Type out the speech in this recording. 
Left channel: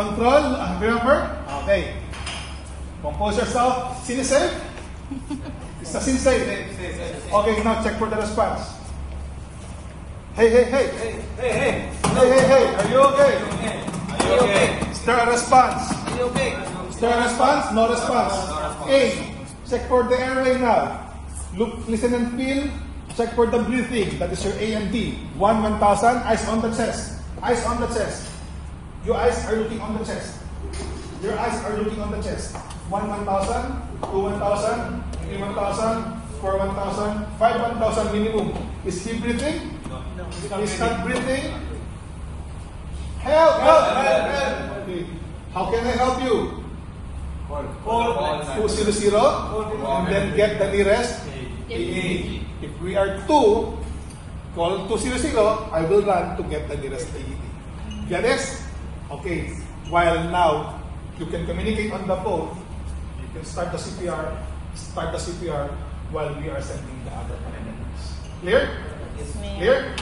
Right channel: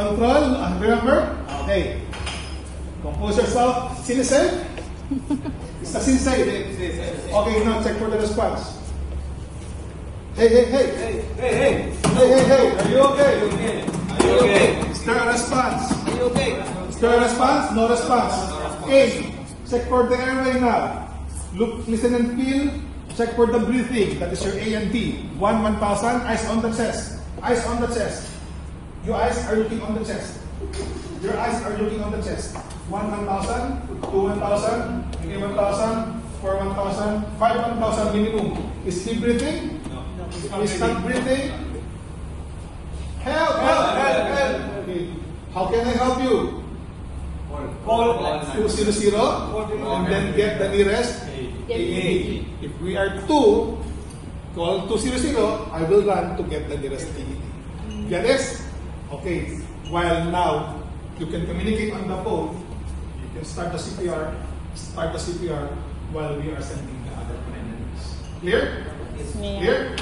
Control, remember? Okay. Compose yourself. Sinisay? It's a sinisay. Okay, now check for the response. Hey, hey, hey. Hey, hey. Hey, hey, hey. Are you okay? Are you okay? Is there a response? Are you okay? Is there a response? No response. A. Check for the airway now. Look, listen and feel. Check for the breathing. That is your A and B. 1,000. Eyes on the chest. Eyes on the chest. Your eyes are looking on the chest. Your eyes are looking on the chest. 1,000, 2,000, 3,000, 4,000, 5,000 minimum. Is he breathing? No. Is not breathing? Help! Help! Help! Help! How can I help you? Call 200 and then get the nearest AED. If we are 2, call 200, I will run to get the nearest AED. Get it? Okay. While now, you can communicate on the phone, you can start the CPR while we are sending the other paramedics. Clear? Clear?